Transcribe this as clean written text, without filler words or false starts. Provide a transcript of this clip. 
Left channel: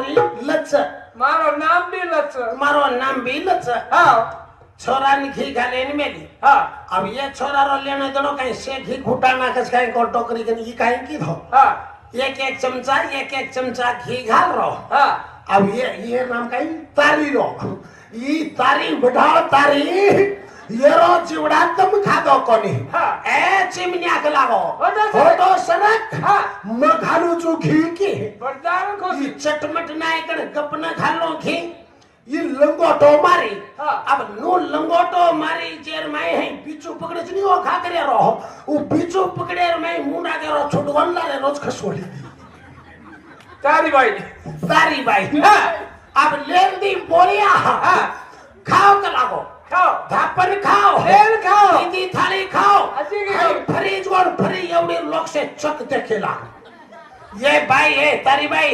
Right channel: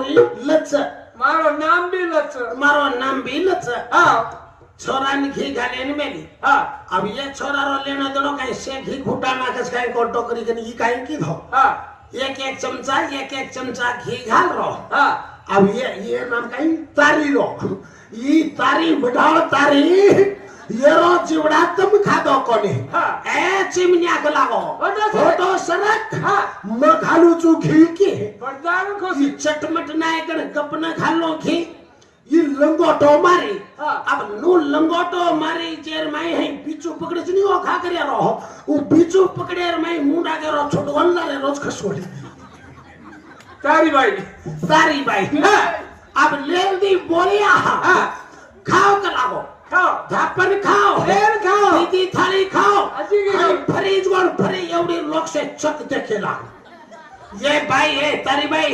छोरी लच मारो नाम भी लच मारो नाम भी लच हाँ छोरा ने घी खाले ने मेली हाँ अब ये छोरा रो लेने देनो कहीं से घी घुटा ना कस कहीं को टोकरी कनी ई कहीं की धो हाँ एक एक चमचा घी घाल रो हाँ अब ये नाम कहीं तारी रो ई तारी बढ़ाओ तारी ये रो चिवड़ा तुम खा दो कोनी हाँ ए चिमनिया कलागो होटो फोटो सरक हाँ मखानु चू घी के बरदान को ये चटमट नाय कर कपना खालो घी ये लंगोटो मारी हाँ अब नो लंगोटो मारी जेर में है बीचू पकड़े जनी ओ खा करे रहो वो बीचू पकड़े में मुंडा के रो छुटवला रे रोज खसोड़ी तारी भाई हाँ अब ले दी बोलिया हाँ खाओ कलागो खाओ धापन खाओ रेल खाओ दीदी थाली खाओ अच्छी की खाओ फ्रीज और फ्री एवढे लोक से चक देखेला ये भाई है तारी भाई